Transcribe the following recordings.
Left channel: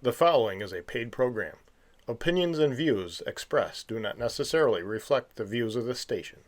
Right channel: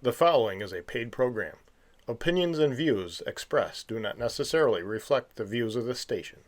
The following is a paid program. Opinions and views expressed do not necessarily reflect the views of this station.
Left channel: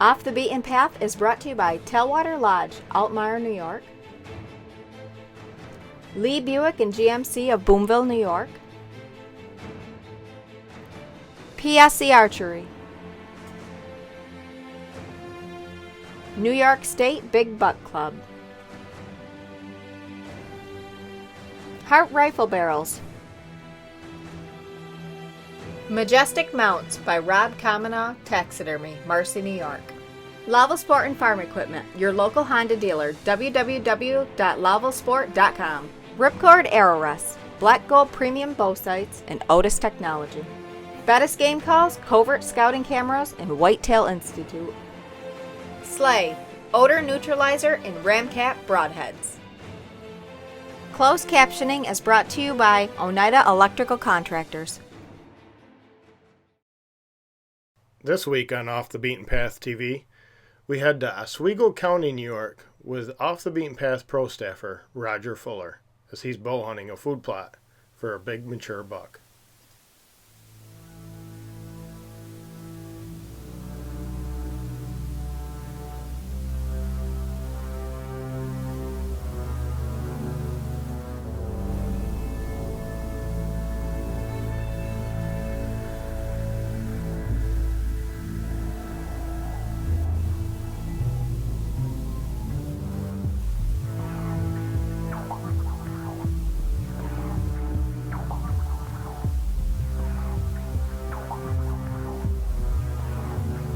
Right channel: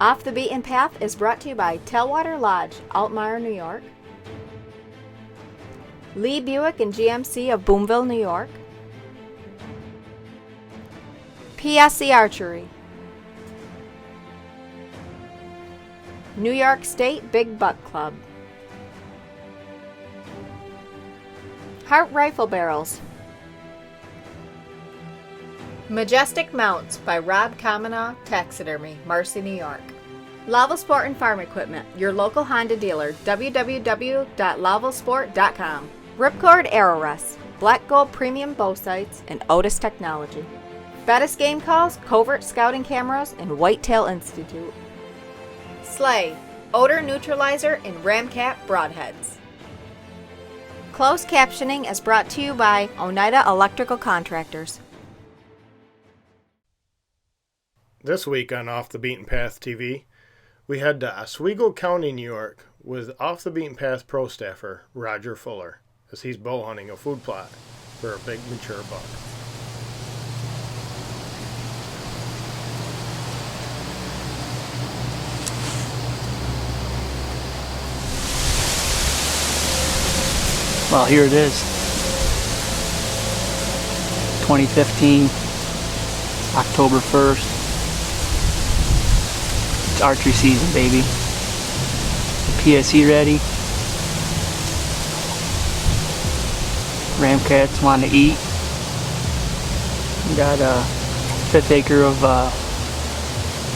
Off the Beaten Path is brought to you by Tailwater Lodge, Altmaier, New York. Lee Buick and GMC of Boomville, New York. PSC Archery. New York State Big Buck Club. Hart Rifle Barrels. Majestic Mounts by Rob Kamenow Taxidermy, Marcy, New York. Laval Sport and Farm Equipment, your local Honda dealer, www.lavalsport.com. Ripcord Arrow Rests, Black Gold Premium Bow Sights, and Otis Technology. Bettis Game Calls, Covert Scouting Cameras, and Whitetail Institute. Slay, Odor Neutralizer and Ramcat Broadheads. Closed captioning is brought to you by Oneida Electrical Contractors. This week on Off the Beaten Path TV, we head to Oswego County, New York, with Off the Beaten Path pro staffer Roger Fuller, as he's bow hunting a food plot for a big mature buck. Well, here it is. 2015, October 1st. It's archery season, baby. PSE ready. Ramcats want to eat. We got a 1/5 acre of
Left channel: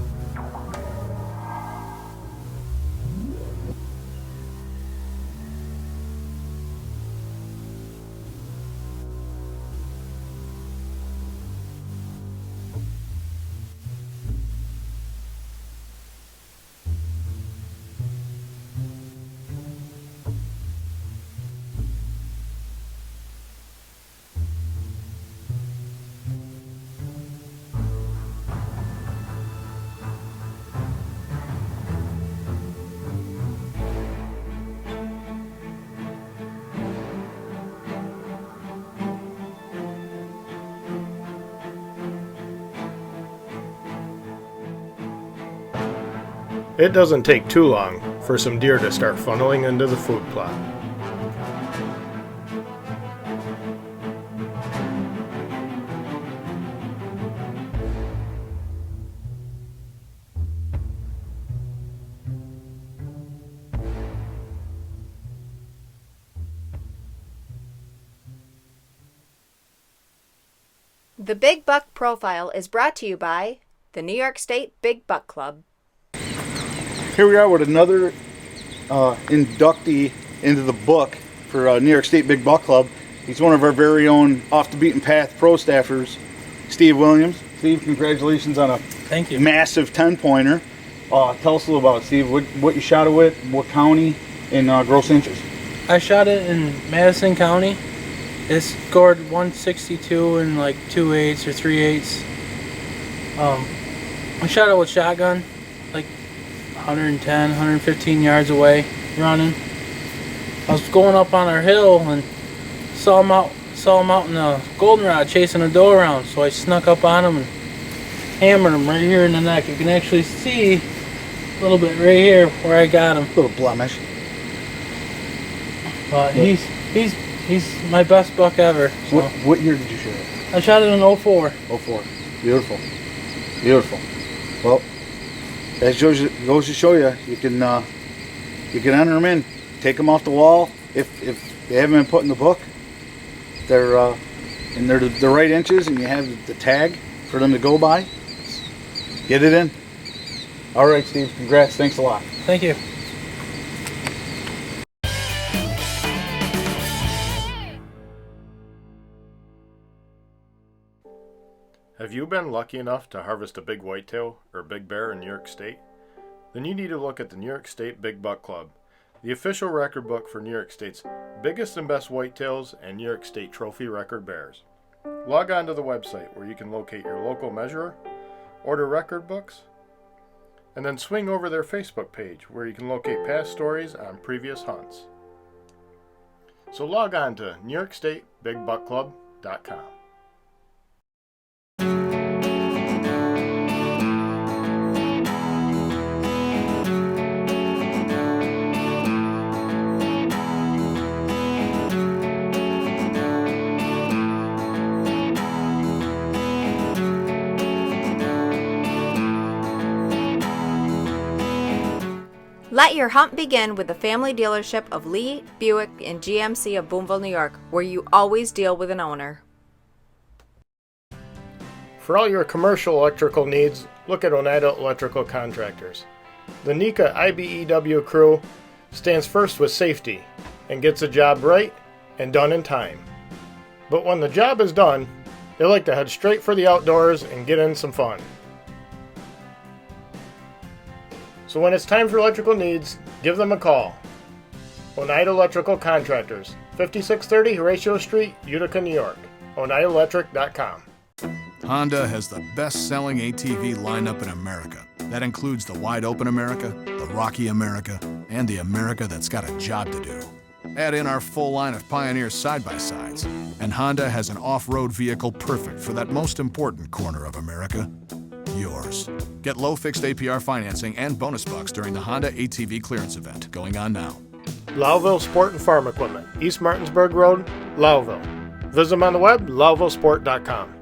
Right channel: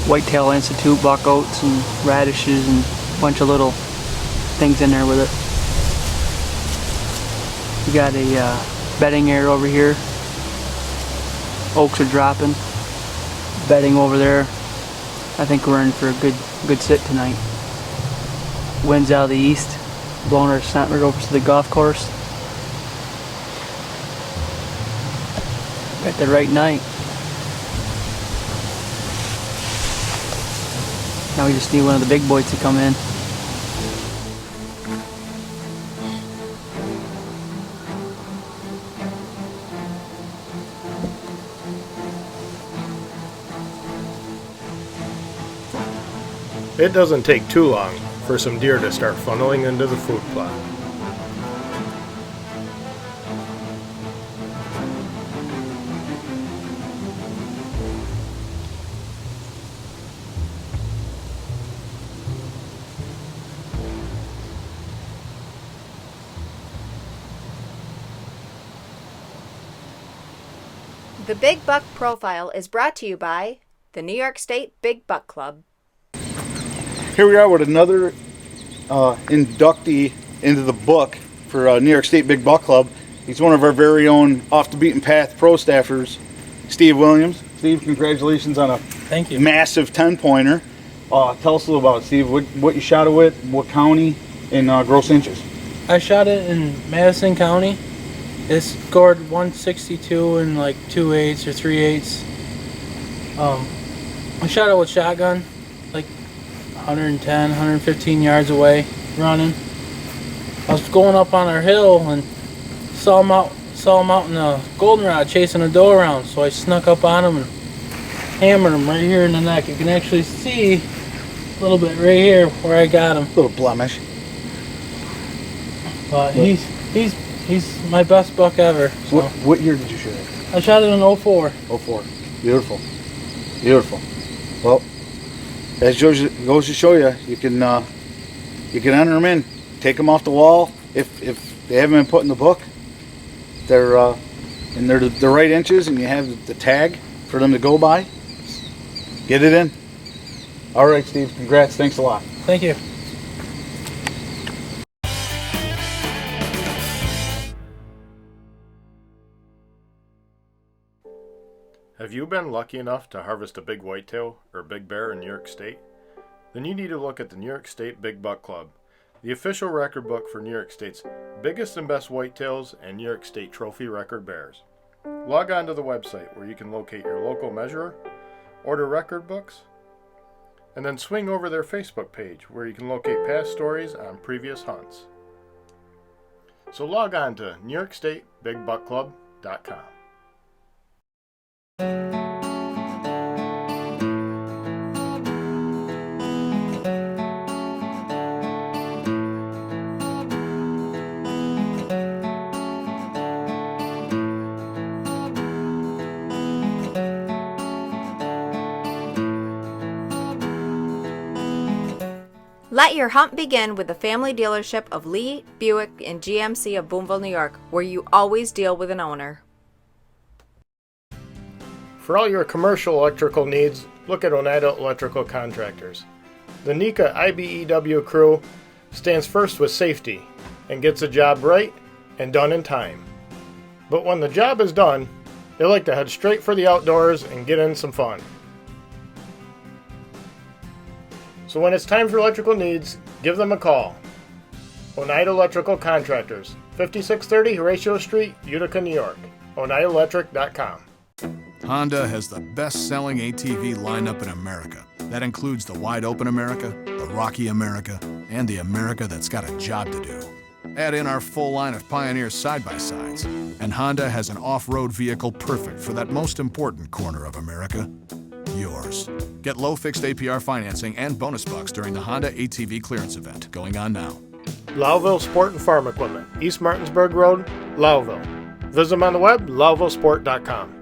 Whitetail Institute buck oats and radishes and a bunch of little things in there with it. We got a bedding area over here. Oaks are dropping. Bedding over there. I think we're in for a good sit tonight. Winds out of the east, blowing our scent right over to the golf course. At the right night. Now we just need one of the big boys to come in. It doesn't take too long for some deer to start funneling into the food plot. The Big Buck Profile is brought to you by the New York State Big Buck Club. Here we are with another inductee into the book for New York State Big Buck Club. He's one of our very own Off the Beaten Path pro staffers, Steve Williams. Steve, congratulations on a Thank you. massive 10-pointer. Tell us a little about it, Steve. What you shot it with, what county, and gross inches. I shot it in Madison County. It scored 162 and like 2/8 or 3/8. I shot it with shotgun, like 110, 115 yards away, running. I was going up on our hill and saw saw him out in the goldenrod chasing a doe around, so I snuck up on him and hammered him right here in the neck. You can actually see a little bit right here where I got him. Little blemish. But he's my best buck ever. So. What year did you shoot it? I shot it in 04. 04. Beautiful. Beautiful. Well, as goes to show you, you can enter them in, take them off the wall. If they haven't been put in the book, they're the right inches, and you have the tag for them to go by. Get it in. All right, Steve. Congrats. Thanks a lot. Thank you. Have you been lucky enough to harvest a big whitetail or big bear in New York State? Then you need to look at the New York State Big Buck Club, the official record book for New York State's biggest and best whitetails and New York State trophy record bears. Log on to the website where you can locate your local measurer, order record books, and then swing over their Facebook page where you can locate past stories on previous hunts. So log on to NewYorkStateBigBuckClub.com. Let your hunt begin with the family dealership of Lee, Buick, and GMC of Boonville, New York, where you always deal with an owner. For all your commercial electrical needs, look at Oneida Electrical Contractors. The NECA IBEW crew stands first with safety and gets the job right and done in time. But when the job is done, they like to head straight for the outdoors and get in some fun. So when it's time for electrical needs, give them a call. Oneida Electrical Contractors, 5630 Horatio Street, Utica, New York. OneidaElectric.com. Honda has the best-selling ATV lineup in America. That includes the wide open America, the rocky America, and the America that's got a job to do. Add in our full line of Pioneer side-by-sides, and Honda has an off-road vehicle perfect for that most important corner of America, yours. Get low fixed APR financing and bonus bucks during the Honda ATV clearance event going on now. Lowville Sport and Farm Equipment, East Martinsburg Road, Lowville. Visit them on the web, lowvillesport.com.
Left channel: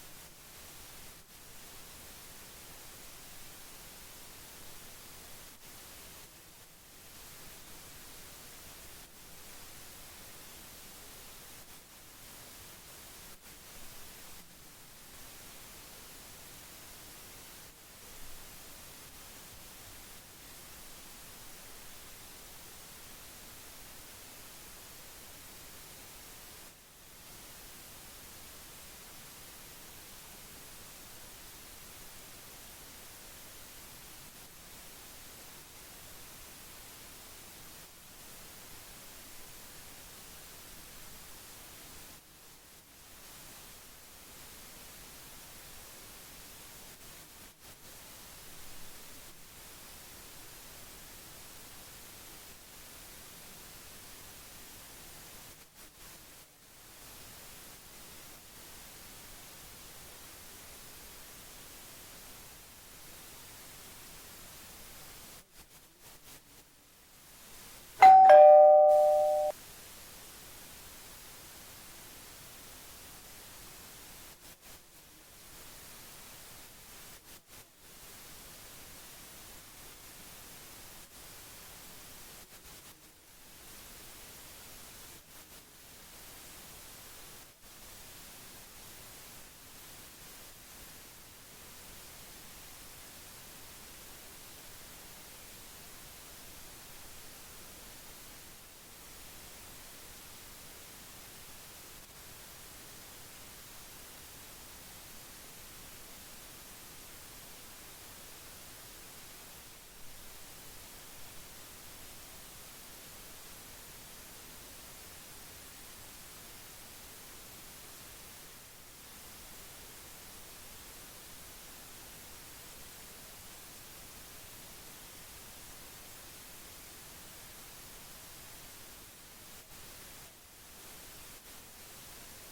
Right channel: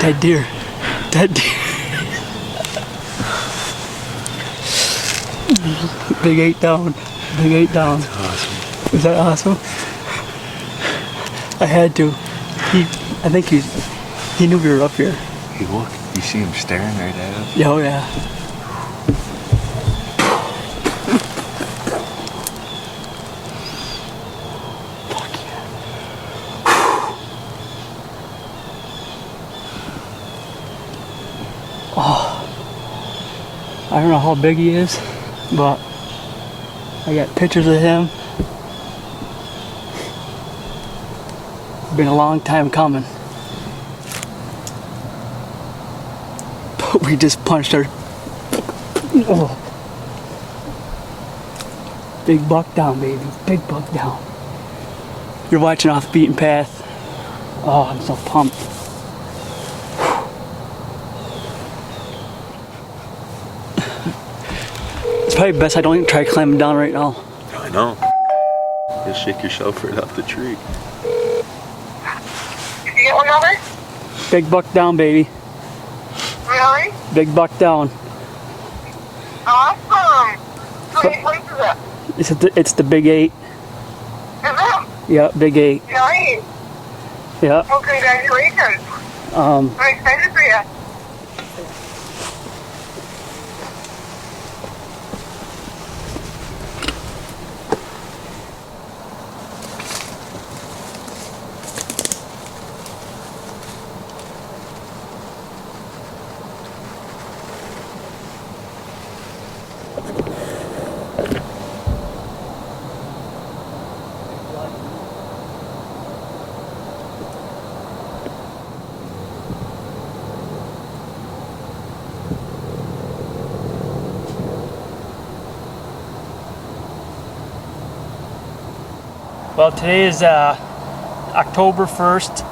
Dead deer. Dead deer. Big 8 down. Big 8 down. That's awesome. Is that awesome? I had to. I think he knew we were up here. Hey, look. You see him staring right at us? Yeah, oh yeah. Fuck yeah. Oh. I don't know how big he is, but I got pictures of him. Been a long time coming. But we just punched our... Oh. Big buck down, baby. Big buck down. You're watching Off the Beaten Path. Oh, I'm so pumped. It's probably best I don't even try climbing down right now. I know. Just shake yourself right off the tree. Did you get one over? Big buck down, baby. Really? Big buck down. Awesome. How many points is it? It's the big 8. Is it? Yeah, big 8. Nice. Yeah. Well, congratulations. I'm excited for you. Well, today is October 1st.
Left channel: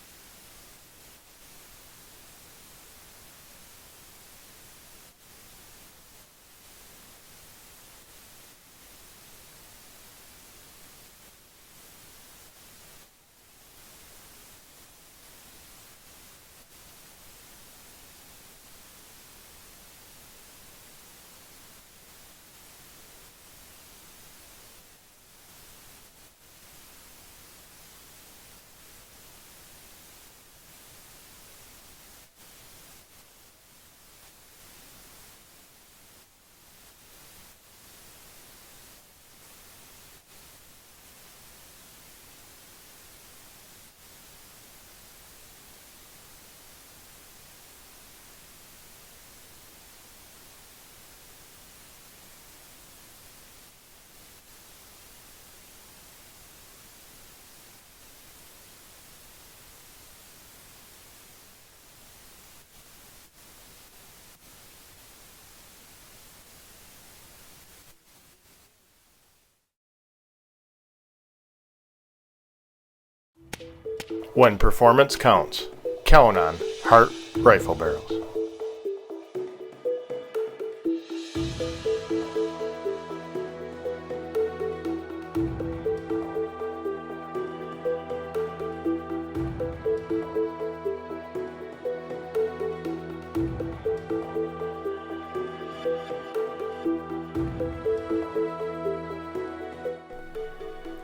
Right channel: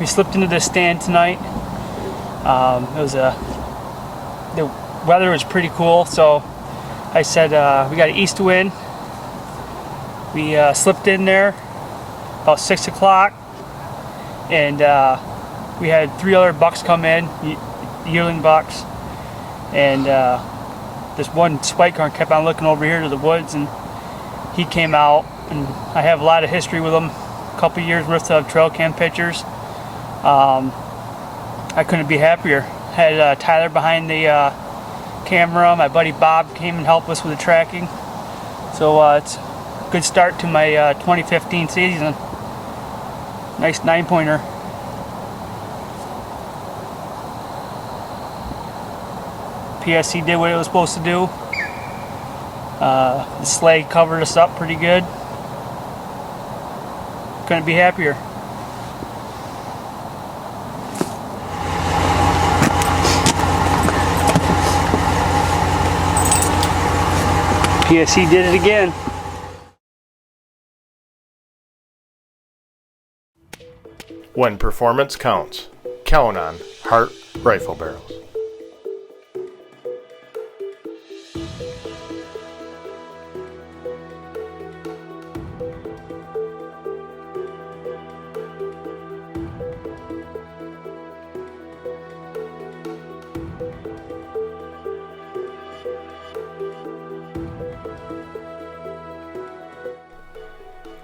We slipped into this stand tonight. The weather was pretty cool, so I said we got an east wind. We slipped in there about 6 o'clock, and we had 3 other bucks come in, yearling bucks, and this one spike horn kept on looking over here to the woods, and he came out, and I have a lot of history with him, a couple years worth of trail cam pictures. I couldn't be happier. Had Tyler behind the camera. My buddy Bob came and helped us with the tracking. So it's a good start to my 2015 season. Nice 9-pointer. PSC did what it was supposed to do. The sleigh covered us up pretty good. Couldn't be happier. PSC did it again. When performance counts, count on Hart Rifle Barrels.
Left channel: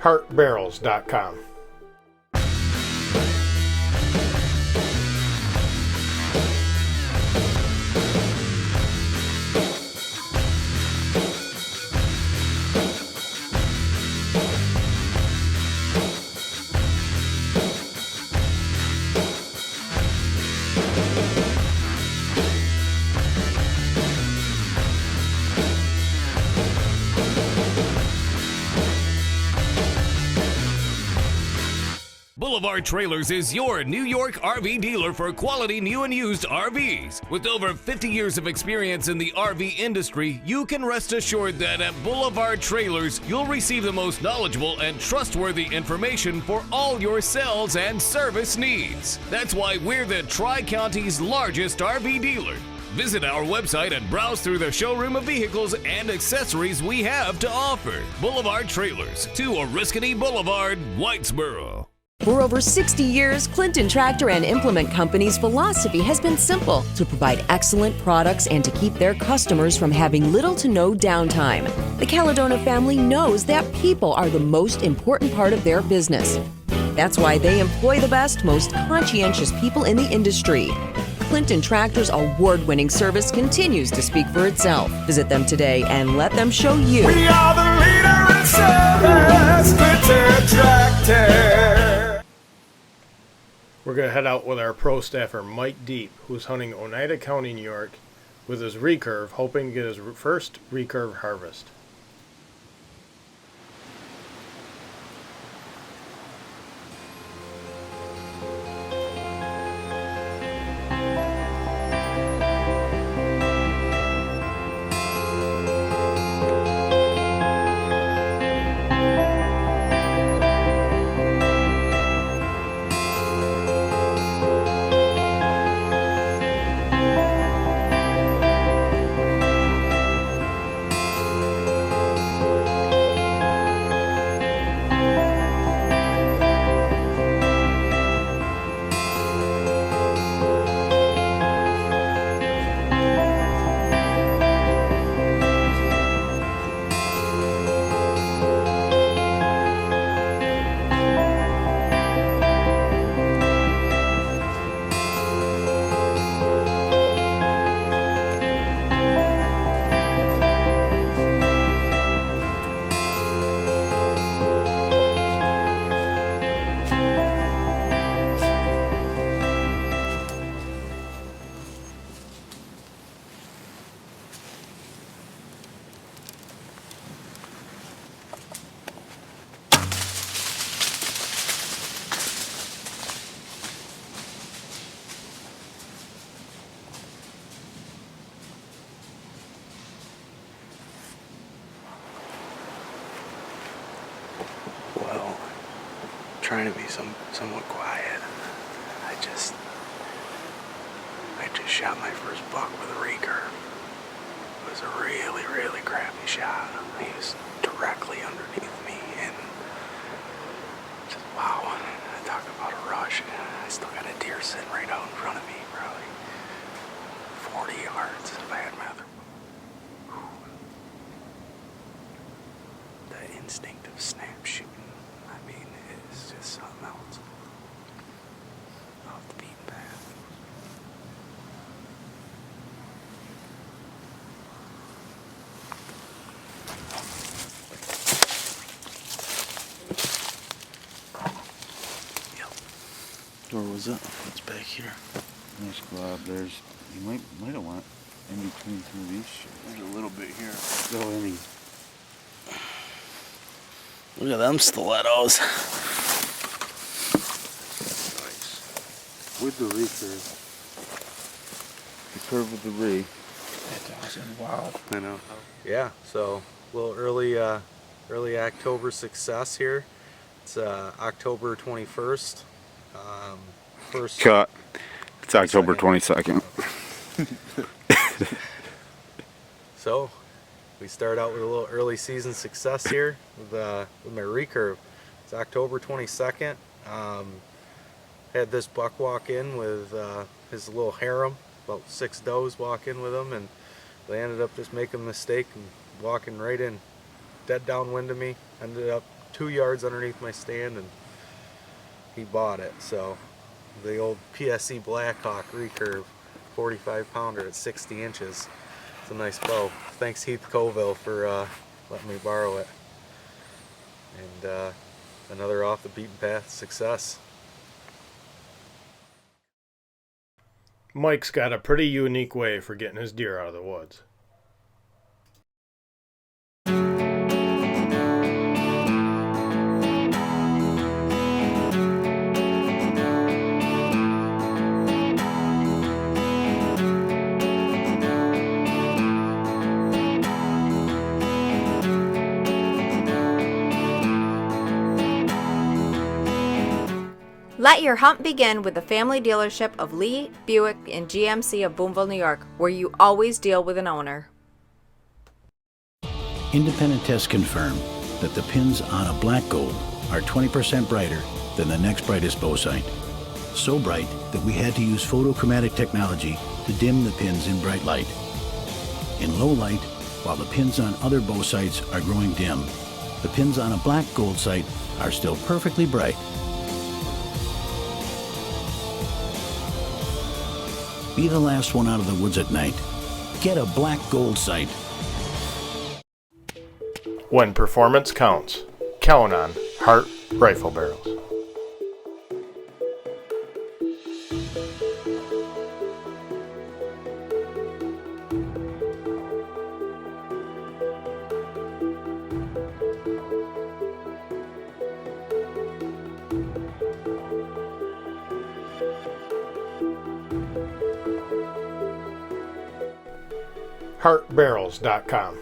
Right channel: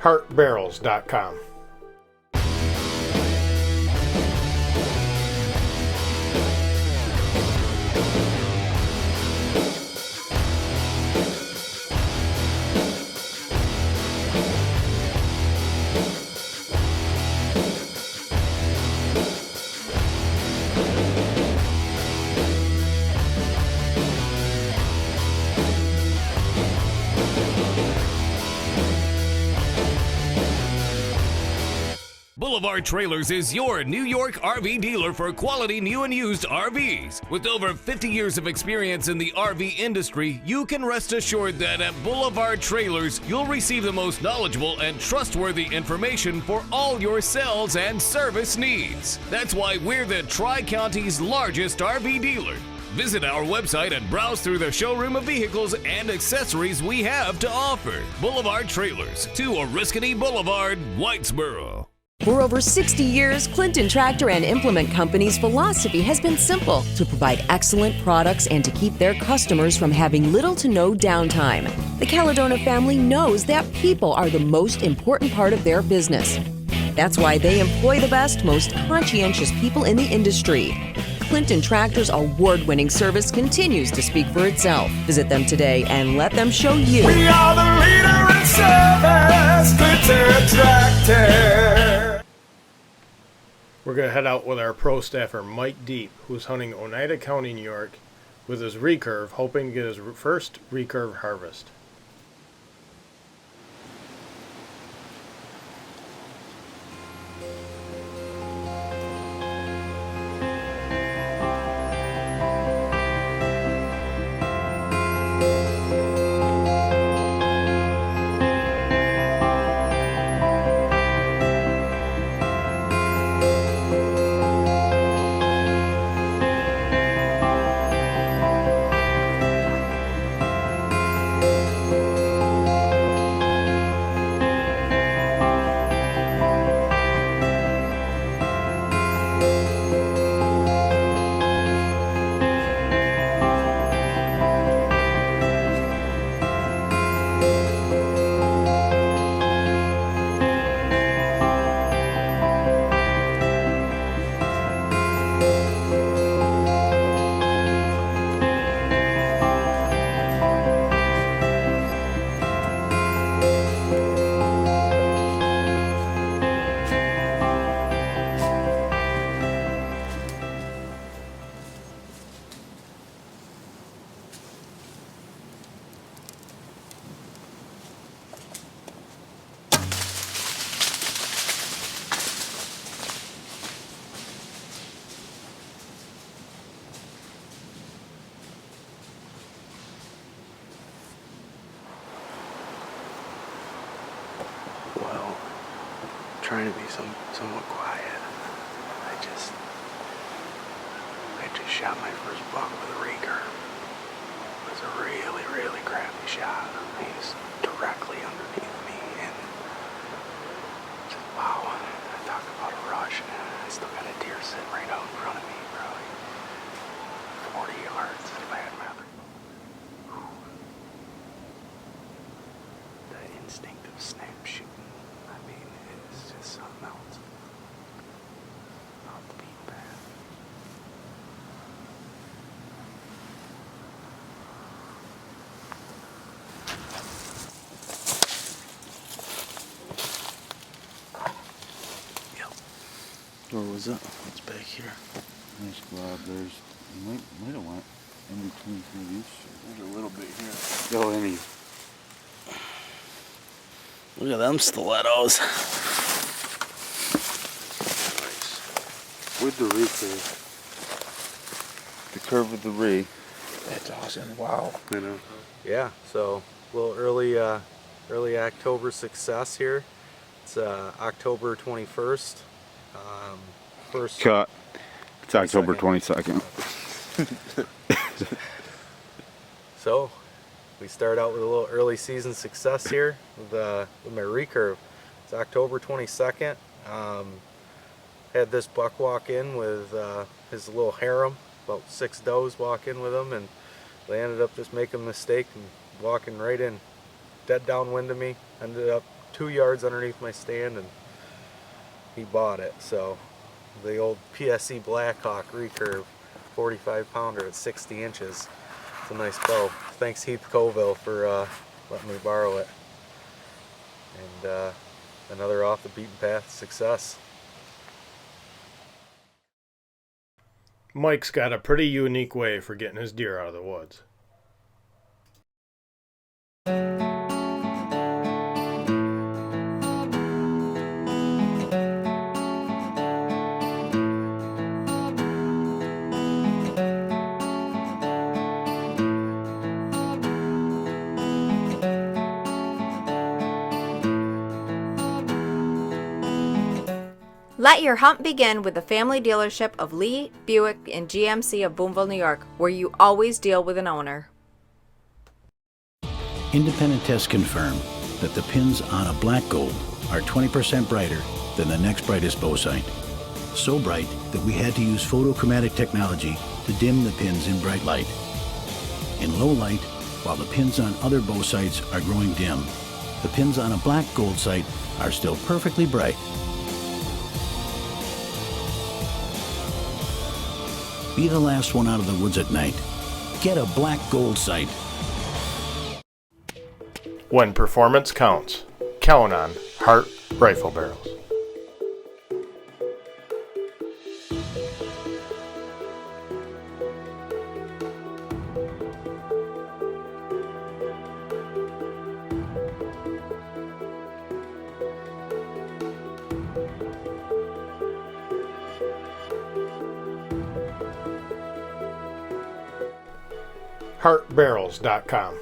HartBarrels.com. Boulevard Trailers is your New York RV dealer for quality new and used RVs. With over 50 years of experience in the RV industry, you can rest assured that at Boulevard Trailers, you'll receive the most knowledgeable and trustworthy information for all your sales and service needs. That's why we're the Tri-County's largest RV dealer. Visit our website and browse through the showroom of vehicles and accessories we have to offer. Boulevard Trailers, 2 Oriskany Boulevard, Whitesboro. For over 60 years, Clinton Tractor and Implement Company's philosophy has been simple: to provide excellent products and to keep their customers from having little to no downtime. The Caledona family knows that people are the most important part of their business. That's why they employ the best, most conscientious people in the industry. Clinton Tractor's award-winning service continues to speak for itself. Visit them today and let them show you. We are the leader in service, Clinton Tractor. We're going to head out with our pro staffer Mike Deep, who's hunting Oneida County, New York, with his recurve, hoping to get his first recurve harvest. Well, trying to be somewhat quiet. I just shot my first buck with a recurve. It was a really, really crappy shot. He was directly underneath me, and just wow. I talk about a rush. I still got a deer sitting right out in front of me, probably 40 yards if I had my other bow. That instinctive snap shooting, I mean, it's just something else. Off the beaten path. Where was it? What's back here? Nice glob. There's, you might have went in between some of these. There's a little bit here. Go any. Look at them stilettos. Nice. With the recurve. The curve with the re. That's awesome. Wow. I know. Yeah, so a little early October success here. It's October 21st. First Cut. It's October 22nd. So we start out with a little early season success here with my recurve. It's October 22nd. Had this buck walk in with his little harem, about 6 does walk in with him, and they ended up just making a mistake and walking right in, dead downwind of me. Ended up 2 yards underneath my stand, and he bought it. So the old PSE Blackhawk recurve, 45 pounder at 60 inches. It's a nice bow. Thanks Heath Colville for letting me borrow it. And another off the beaten path success. Mike's got a pretty unique way for getting his deer out of the woods. Let your hunt begin with the family dealership of Lee, Buick, and GMC of Boonville, New York, where you always deal with an owner. Independent tests confirm that the pins on a black gold are 20% brighter than the next brightest bow sight. So bright that we had to use photochromatic technology to dim the pins in bright light. In low light, while the pins on other bow sights are growing dim, the pins on a black gold sight are still perfectly bright. Be the last one out of the woods at night. Get a black gold sight. When performance counts, count on Hart Rifle Barrels. HartBarrels.com.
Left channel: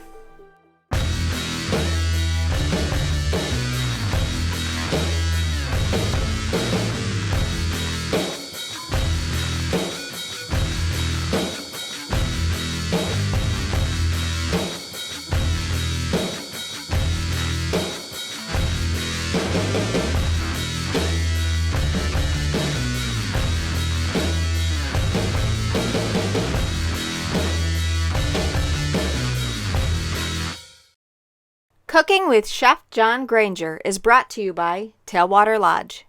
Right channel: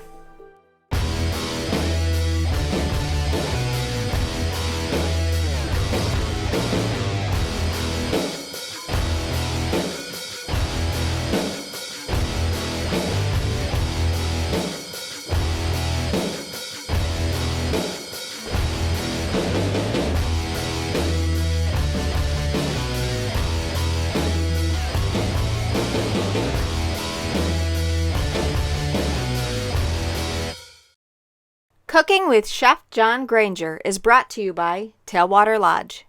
Cooking with Chef John Granger is brought to you by Tailwater Lodge.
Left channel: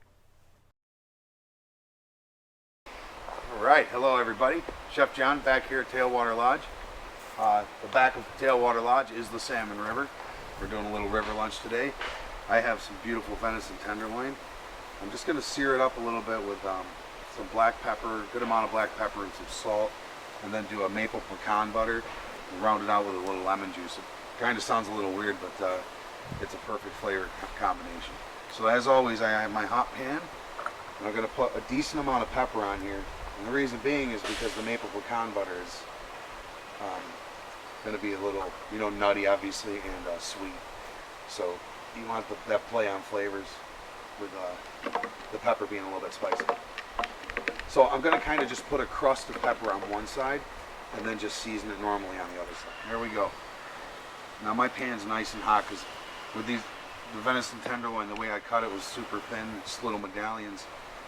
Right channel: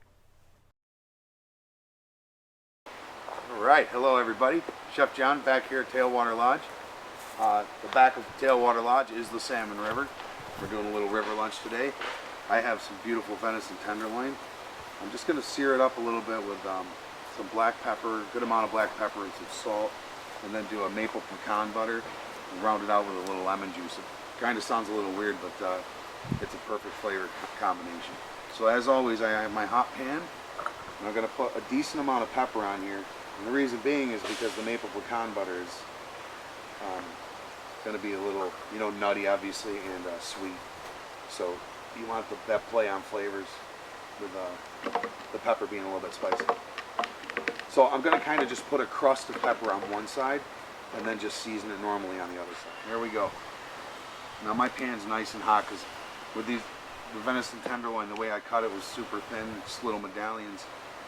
All right, hello everybody. Chef John back here at Tailwater Lodge. The back of Tailwater Lodge is the Salmon River. We're doing a little river lunch today. I have some beautiful venison tenderloin. I'm just going to sear it up a little bit with some black pepper, good amount of black pepper and some salt, and then do a maple pecan butter and round it out with a little lemon juice. It kind of sounds a little weird, but it's a perfect flavor combination. So as always, I have my hot pan, and I'm going to put a decent amount of pepper on here. And the reason being is because the maple pecan butter is going to be a little, nutty, obviously, and sweet. So you want that play on flavors with the pepper being a little bit spicy. So I'm going to kind of just put a crust of pepper on one side, and then just season it normally on the other side. There we go. Now my pan's nice and hot because with the venison tenderloin, the way I cut it was super thin, just little medallions.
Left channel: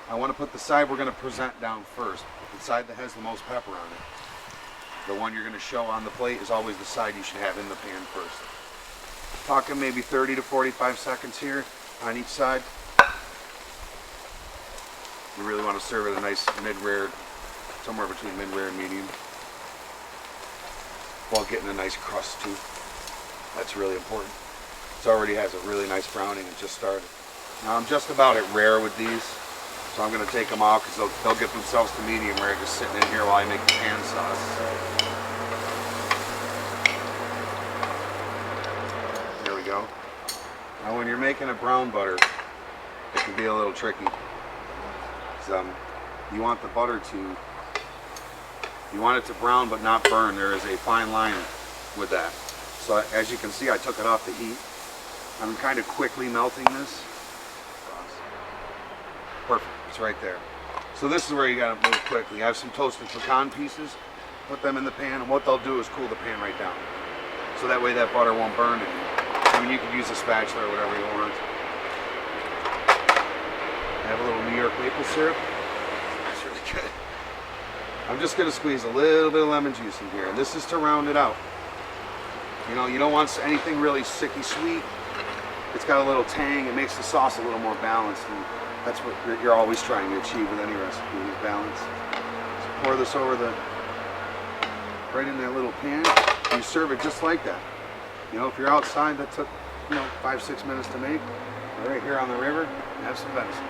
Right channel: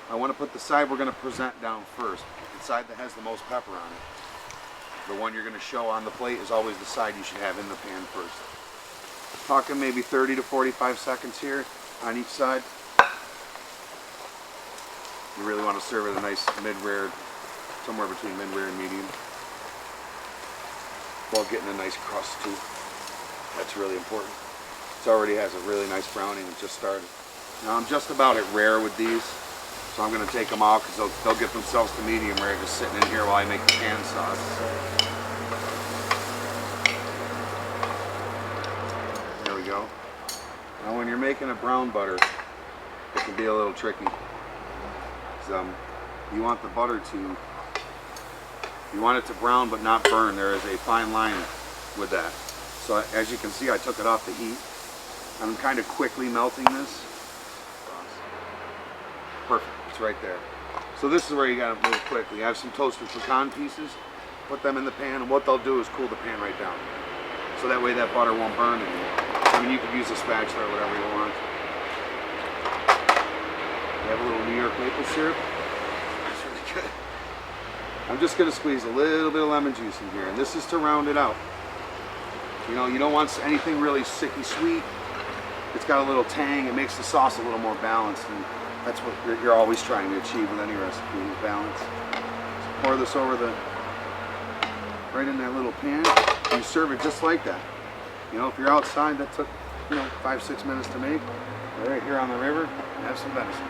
I want to put the side we're going to present down first. The side that has the most pepper on it. The one you're going to show on the plate is always the side you should have in the pan first. Talking maybe 30 to 45 seconds here on each side. You really want to serve it a nice mid-rare, somewhere between mid-rare and medium, while getting a nice crust too. That's really important. It already has a really nice browning and just started. Now I'm just about at rare with these, so I'm going to take them out because they'll get themselves to medium rare just sitting in here while I make the pan sauce. There we go. Now when you're making a brown butter, it can be a little tricky. You want the butter you want it to brown but not burn. There is a fine line with that. So as you can see, I took it off the heat. I'm kind of quickly melting this. Perfect, it's right there. So this is where you gotta move quickly. I have some toasted pecan pieces, put them in the pan, and what they'll do is cool the pan right down. So that way that butter won't burn anymore. I mean, you could use a spatula or whatever you want. I have a little New York maple syrup. It's really good. I'm just gonna squeeze a little bit of lemon juice in here, and this is to round it out. You don't want anything really sicky sweet. It's got a little tang. It makes the sauce a little more balanced, and that's what you're always trying to achieve with any recipe, is balance. So pour this over right in that little pan. And you serve it just like that. If you're outside, that took 5-6 minutes to make. But right here on the river, have some venison.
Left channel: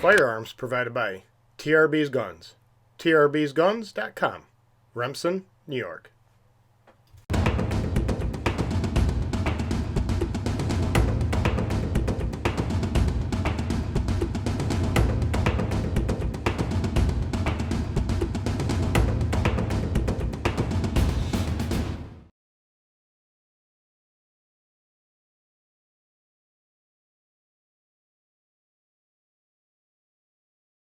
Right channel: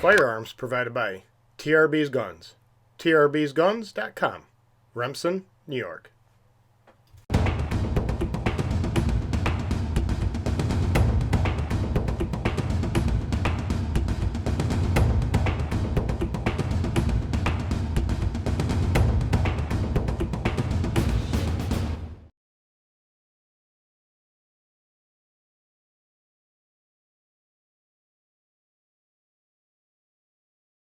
Firearms provided by TRB's Guns. TRBsguns.com, Remsen, New York.